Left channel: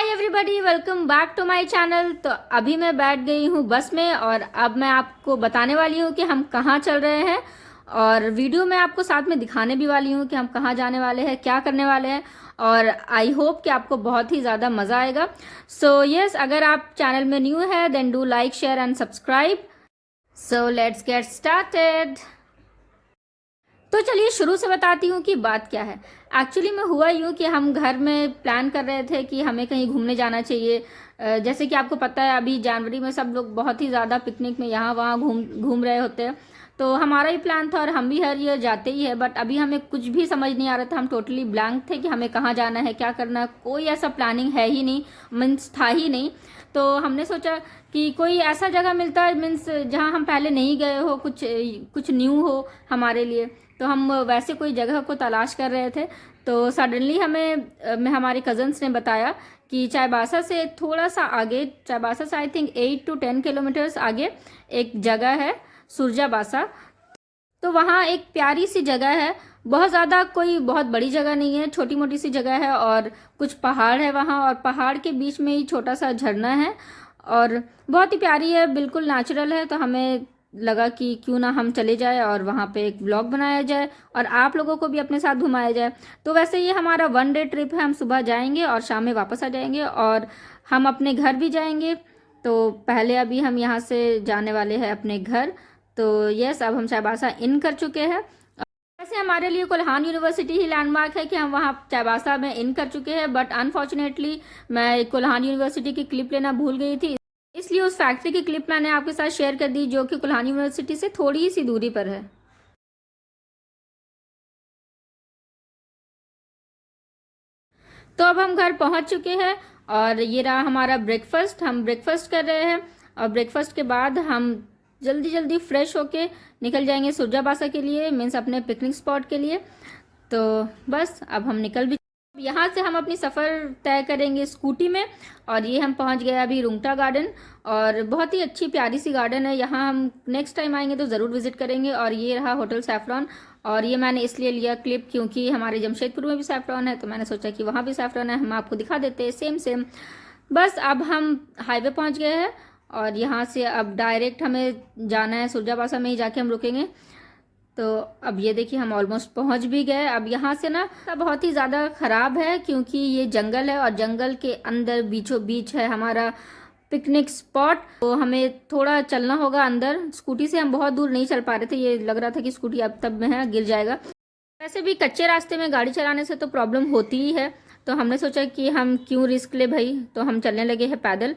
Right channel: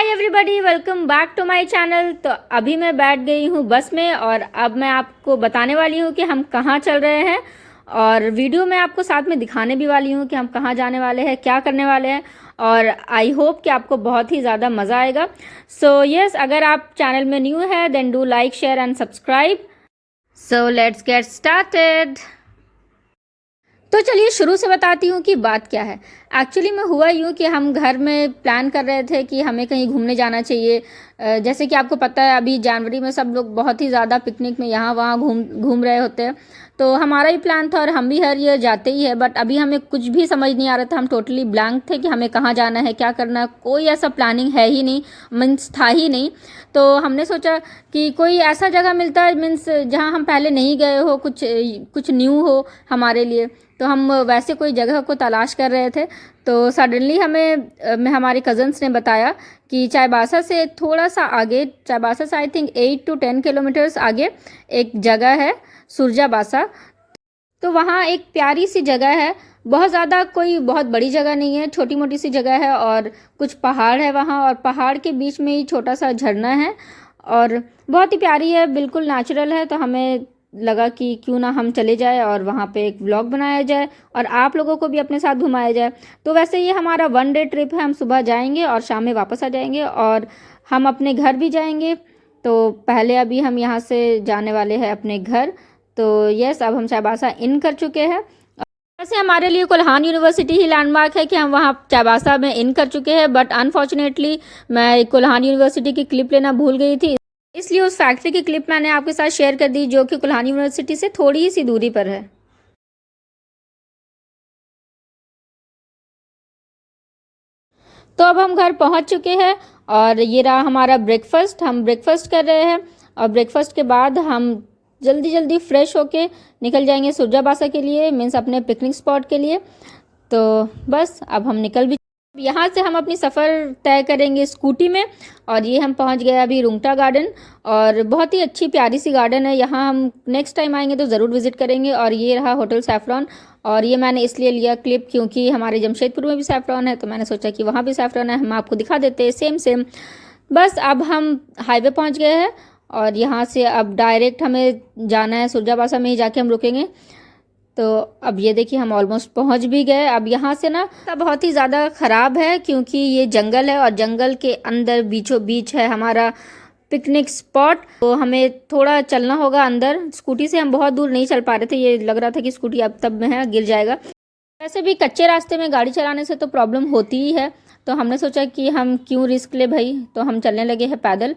Hi everybody, welcome back to my channel. तो अभी मैं बैठ गई हूँ बस में और अब मैं आपको बताने वाली हूँ कि हम कहाँ चल रहे हैं और वीडियो में आपको साथ में दिखाने भी वाली हूँ कि हम कहाँ जाने वाले हैं, क्या करने वाले हैं। और आई होप कि आपको बहुत ही ज़्यादा मज़ा आएगा। सो यस, अगर आप चैनल में न्यू है then do like, share and subscribe. So let's get started. तो चलिए शुरू से बताती हूँ कि बात क्या है। एक्चुअली में हुआ यूँ कि हम घर में प्लान कर रहे थे कि हमें कहीं घूमने जाना चाहिए। जैसे कि आपको पता है अभी जनवरी में सब लोग बहुत ही ज़्यादा पिकनिक में यहाँ वहाँ घूम घूम रहे होते हैं। तो हमारा ही प्लान था और हम भी हर ईयर जाते ही है, बट अभी हमें कुछ भी समझ नहीं आ रहा था। हम टोटली ब्लैंक थे कि हमें कहाँ जाना है, क्या करना है। कोई ऐसा प्लानिंग है ही नहीं, मीन्स था ही नहीं। तो हमने सोचा कि कोई ऐसा जगह मिलता है मीन्स जहाँ हम पहले नहीं गए हो, कुछ कुछ न्यू हो हमारे लिए। तो हम वैसे कोई जगह को तलाश कर रहे थे। तो सडनली हमें हमारे कज़न्स ने बताया कि चाईबासा से थोड़ा सा आगे, चाईबासा से आई थिंक 8 to 10 किलोमीटर्स आगे एक जगह है सुरजाबासा। तो वहाँ एक प्यारी सी जगह है, बहुत ज़्यादा कोई बहुत बड़ी जगह नहीं है, छोटी मोटी सी जगह है और कुछ पहाड़ है वहाँ और पहाड़ के बीच में ही छोटा सा झरना है और बहुत ही प्यारी है, बिल्कुल नेचुरल है। तो हमें लगा कि क्यों ना हम चले जाए और वहाँ पे एक व्लॉग बनाया जाए और आप लोगों को भी अपने साथ घुमाया जाए। तो वैसे ये हमारा 1 डे ट्रिप है, हम सुबह जाएंगे और शाम में वापस आ जाएंगे और हम अपने घर भी जाएंगे। तो पहले अभी हम यहाँ से जाने वाले हैं अपने घर। तो यस, अब हम चाईबासा इन कर चुके हैं। वैसे हमारे लिए कोल्हान यूनिवर्सिटी ही लैंडमार्क है कि हम वहाँ चाईबासा में इन कर चुके हैं, बट अनफॉर्चुनेटली मैं कोल्हान यूनिवर्सिटी की क्लिप लेना भूल गई थी, इसलिए उस फैक्ट्री की क्लिप मैंने आपके साथ शेयर कर दी जो कि कोल्हान यूनिवर्सिटी से थोड़ी सी दूरी पर है। तो अब हम घर पहुंच चुके हैं और ये रहा हमारा ब्रेकफास्ट। हम ब्रेकफास्ट कर रहे हैं और ब्रेकफास्ट के बाद हम जल्दी जल्दी फ्रेश होके निकल जाएंगे सुरजाबासा के लिए, मीन्स अपने पिकनिक स्पॉट के लिए। तो बस अब हम निकल भी, यहाँ से हम अपनी सफ़र तय करेंगे स्कूटी में। और ये हम पहुँच गए अभी रुंगटा गार्डन और बहुत ही अच्छी प्यारी सी गार्डन है। यहाँ हम नेक्स्ट टाइम आएंगे तो ज़रूर विजिट करेंगे। और ये रहा होटल सैफरॉन और ये मैंने इसलिए लिया क्लिप क्योंकि हमारे जमशेदपुर में भी सैफरॉन है, तो मैंने सोचा कि वहाँ भी सैफरॉन है, हम आपको दिखा देते हैं सेम सेम। बस अब हम हाईवे पहुँच गए हैं और यहाँ से अब डायरेक्ट हमें जाना है सुरजाबासा में ही जाके हम रुकेंगे। तो अब ये देखिए हम ऑलमोस्ट पहुंच भी गए। अब यहाँ से ना रास्ता बहुत ही ज़्यादा ख़राब है क्योंकि ये जंगल है और जंगल के अंदर बीचों बीच है हमारा पिकनिक स्पॉट। तो हमें थोड़ा चलना होगा अंदर, स्कूटी से हम बहुत दूर नहीं चल पा रहे थे, ये लग रहा था कि स्कूटी अब तब में है गिर जाएगा। वैसे भी कच्चे रास्ते में गाड़ी चलाने से तो प्रॉब्लम होती ही है, तो हमने सोचा कि हम क्यों रिस्क ले भाई, तो हम चलने लगे हैं पैदल।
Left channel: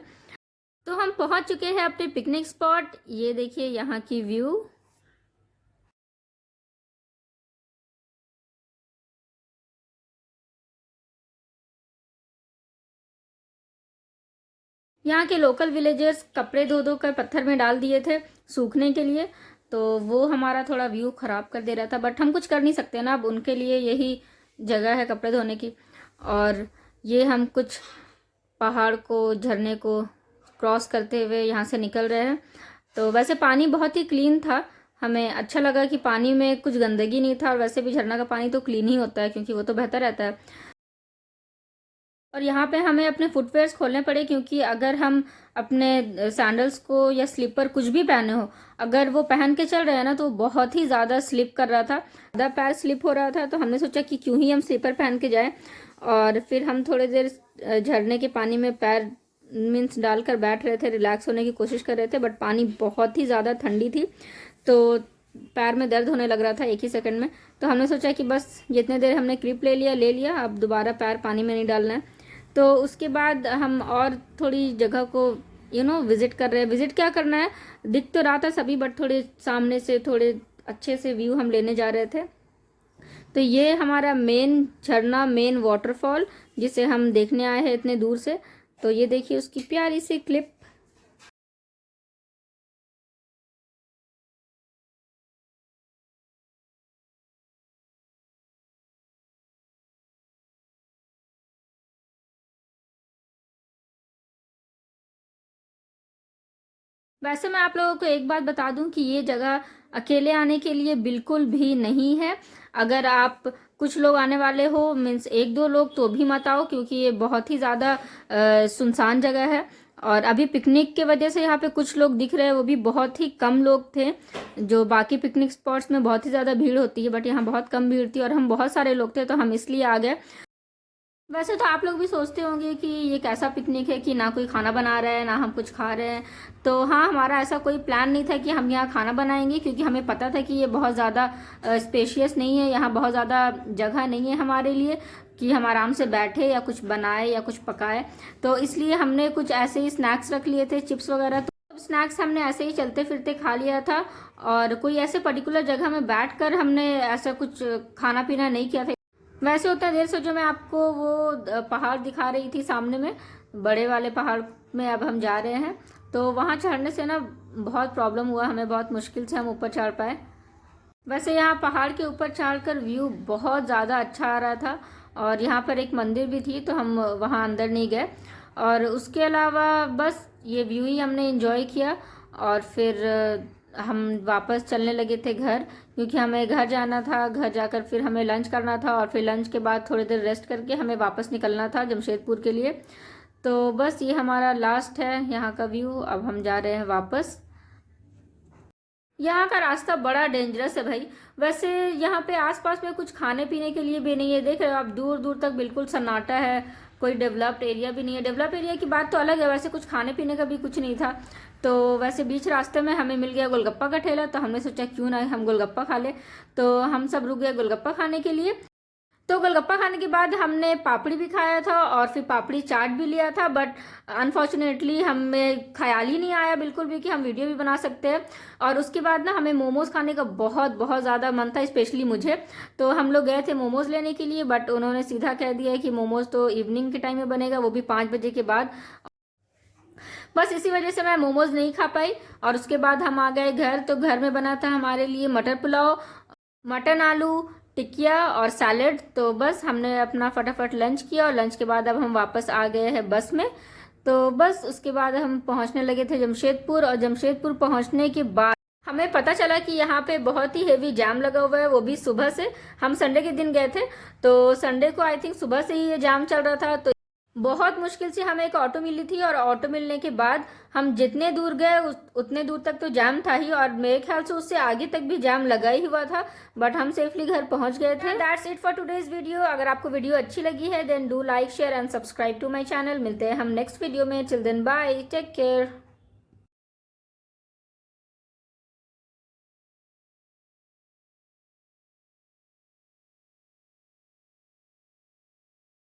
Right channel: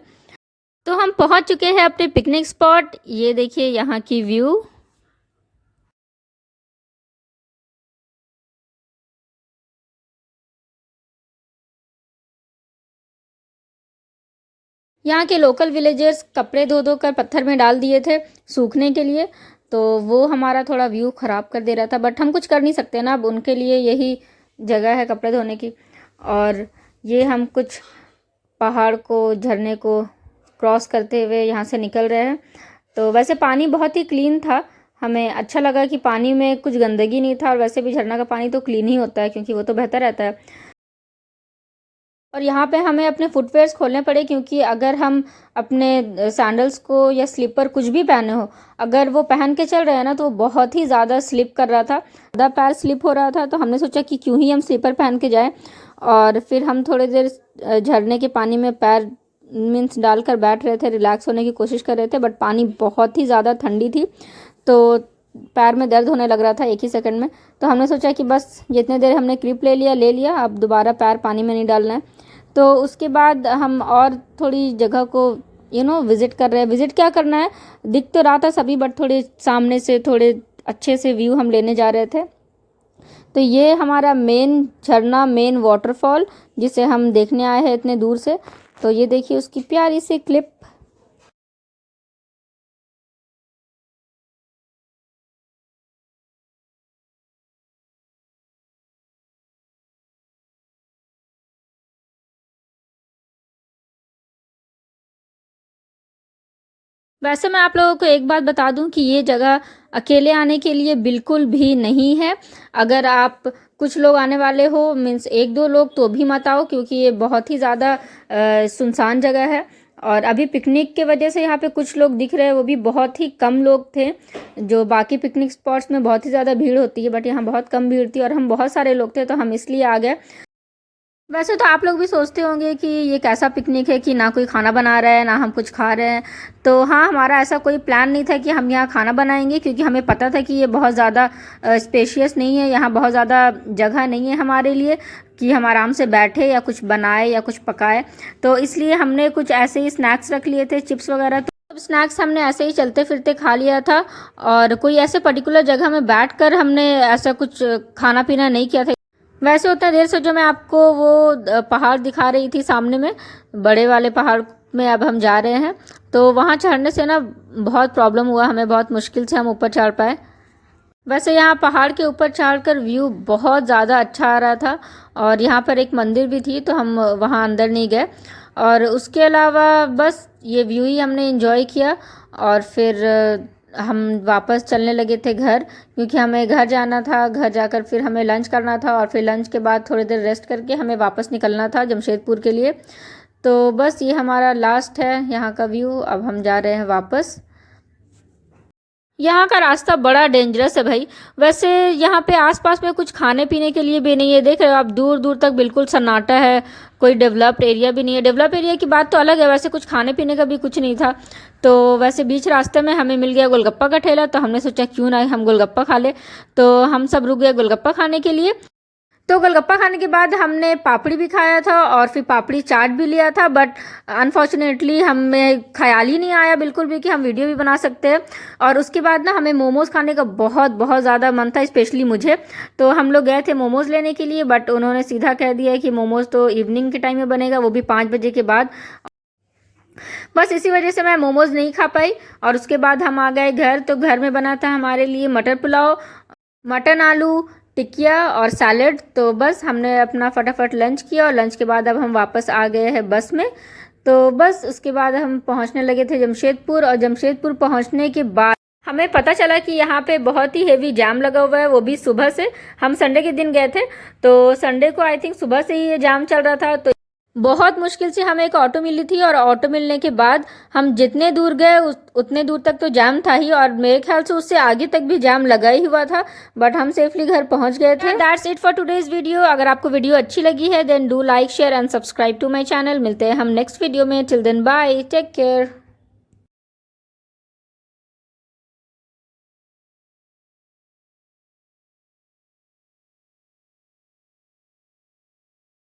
तो हम पहुँच चुके हैं अपने पिकनिक स्पॉट। ये देखिए यहाँ की व्यू। यहाँ के लोकल विलेजर्स कपड़े धो धो कर पत्थर में डाल दिए थे सूखने के लिए, तो वो हमारा थोड़ा व्यू ख़राब कर दे रहा था, बट हम कुछ कर नहीं सकते ना, अब उनके लिए यही जगह है कपड़े धोने की। और ये हम कुछ पहाड़ को, झरने को क्रॉस करते हुए यहाँ से निकल रहे हैं। तो वैसे पानी बहुत ही क्लीन था, हमें अच्छा लगा कि पानी में कुछ गंदगी नहीं था। और वैसे भी झरना का पानी तो क्लीन ही होता है क्योंकि वो तो बहता रहता है। और यहाँ पे हमें अपने फुटवेयर्स खोलने पड़े क्योंकि अगर हम अपने सैंडल्स को या स्लीपर कुछ भी पहने हो, अगर वो पहन के चल रहे हैं ना तो बहुत ही ज़्यादा स्लिप कर रहा था, ज़्यादा पैर स्लिप हो रहा था। तो हमने सोचा कि क्यों ही हम स्लीपर पहन के जाएं। और फिर हम थोड़ी देर झरने के पानी में पैर मीन्स डालकर बैठ रहे थे, रिलैक्स होने की कोशिश कर रहे थे, बट पानी बहुत ही ज़्यादा ठंडी थी तो पैर में दर्द होने लग रहा था एक ही सेकंड में। तो हमने सोचा कि बस जितने देर हमने क्लिप ले लिया, अब दोबारा पैर पानी में नहीं डालना है। तो उसके बाद हम और थोड़ी जगह को विज़िट कर रहे हैं। विज़िट क्या करना है, दिख तो रहा था सभी, बट थोड़े सामने से थोड़े अच्छे से व्यू हम लेने जा रहे थे। तो ये हमारा मेन झरना, मेन वाटरफॉल जिसे हम देखने आए हैं इतने दूर से। तो ये देखिए उसकी प्यारी सी क्लिप। वैसे मैं आप लोगों को एक बात बता दूं कि ये जगह अकेले आने के लिए बिल्कुल भी नहीं है। अगर आप कुछ लोग आने वाले हो, मीन्स 1-2 लोग, तो भी मत आओ क्योंकि ये बहुत ही ज़्यादा सुनसान जगह है। और अभी पिकनिक के वजह से यहाँ पे कुछ लोग दिख रहे हैं, वो भी बहुत ही कम लोग थे। जो बाकी पिकनिक स्पॉट्स में बहुत ही ज़्यादा भीड़ होती है, बट यहाँ बहुत कम भीड़ थी और हम बहुत सारे लोग थे, तो हम इसलिए आ गए। वैसे तो आप लोग भी सोचते होंगे कि ये कैसा पिकनिक है कि ना कोई खाना बना रहा है ना हम कुछ खा रहे हैं। तो हाँ, हमारा ऐसा कोई प्लान नहीं था कि हम यहाँ खाना बनाएंगे, क्योंकि हमें पता था कि ये बहुत ज़्यादा स्पेशियस नहीं है, यहाँ बहुत ज़्यादा जगह नहीं है हमारे लिए कि हम आराम से बैठे या कुछ बनाए या कुछ पकाए। तो इसलिए हमने कुछ ऐसे ही स्नैक्स रख लिए थे, चिप्स वगैरह। तो स्नैक्स हमने ऐसे ही चलते फिरते खा लिया था, और कोई ऐसे पर्टिकुलर जगह में बैठकर हमने ऐसा कुछ खाना पीना नहीं किया था। वैसे उतना देर से जो मैं आपको वो पहाड़ दिखा रही थी सामने में, बड़े वाले पहाड़ में अब हम जा रहे हैं, तो वहाँ चढ़ने से ना बहुत प्रॉब्लम हुआ हमें, बहुत मुश्किल से हम ऊपर चढ़ पाए। वैसे यहाँ पहाड़ के ऊपर चढ़कर व्यू बहुत ज़्यादा अच्छा आ रहा था, और यहाँ पर एक मंदिर भी थी, तो हम वहाँ अंदर नहीं गए। और उसके अलावा बस ये व्यू ही हमने एंजॉय किया, और फिर हम वापस चलने लगे थे घर, क्योंकि हमें घर जाना था। घर जाकर फिर हमें लंच करना था, और फिर लंच के बाद थोड़ी देर रेस्ट करके हमें वापस निकलना था जमशेदपुर के लिए। तो बस ये हमारा लास्ट है यहाँ का व्यू। अब हम जा रहे हैं वापस। यहाँ का रास्ता बड़ा डेंजरस है भाई। वैसे यहाँ पे आसपास में कुछ खाने पीने के लिए भी नहीं है, देख रहे हो आप, दूर दूर तक बिल्कुल सन्नाटा है, कोई डेवलप्ड एरिया भी नहीं है। डेवलप एरिया की बात तो अलग है, वैसे कुछ खाने पीने का भी कुछ नहीं था। तो वैसे बीच रास्ते में हमें मिल गया गोलगप्पा का ठेला, तो हमने सोचा क्यों ना हम गोलगप्पा खा ले। तो हम सब रुक गए गोलगप्पा खाने के लिए। तो गोलगप्पा खाने के बाद हमने पापड़ी भी खाया था, और फिर पापड़ी चाट भी लिया था, बट अनफॉर्चुनेटली हमें ख्याल ही नहीं आया बिल्कुल भी कि हम वीडियो भी बना सकते हैं। और उसके बाद ना हमें मोमोज़ खाने का बहुत बहुत ज़्यादा मन था, स्पेशली मुझे। तो हम लोग गए थे मोमोज़ लेने के लिए, बट उन्होंने सीधा कह दिया कि मोमोज़ तो इवनिंग के टाइम में बनेगा, वो भी 5 बजे के बाद। बस इसी वजह से मैं मोमोज़ नहीं खा पाई। और उसके बाद हम आ गए घर। तो घर में बना था हमारे लिए मटर पुलाव, मटन आलू टिकिया और सैलड। तो बस हमने अपना फटाफट लंच किया, और लंच के बाद अब हम वापस आ गए हैं बस में। तो बस उसके बाद हम पहुंचने लगे थे जमशेदपुर, और जमशेदपुर पहुंचने के बाद हमें पता चला कि यहाँ पे बहुत ही हेवी जाम लगा हुआ है, वो भी सुबह से। हम संडे के दिन गए थे, तो संडे को आई थिंक सुबह से ही ये जाम चल रहा था। तो बहुत मुश्किल से हमें एक ऑटो मिली थी, और ऑटो मिलने के बाद हम जितने दूर गए उतने दूर तक तो जाम था ही, और मेरे ख्याल से उससे आगे तक भी जाम लगा ही हुआ था, बट हम सेफली घर पहुंच गए थे। That's it for today's video. अगर आपको वीडियो अच्छी लगी है then do like share and subscribe to my channel. मिलते हैं हम नेक्स्ट वीडियो में। Till then bye, take care.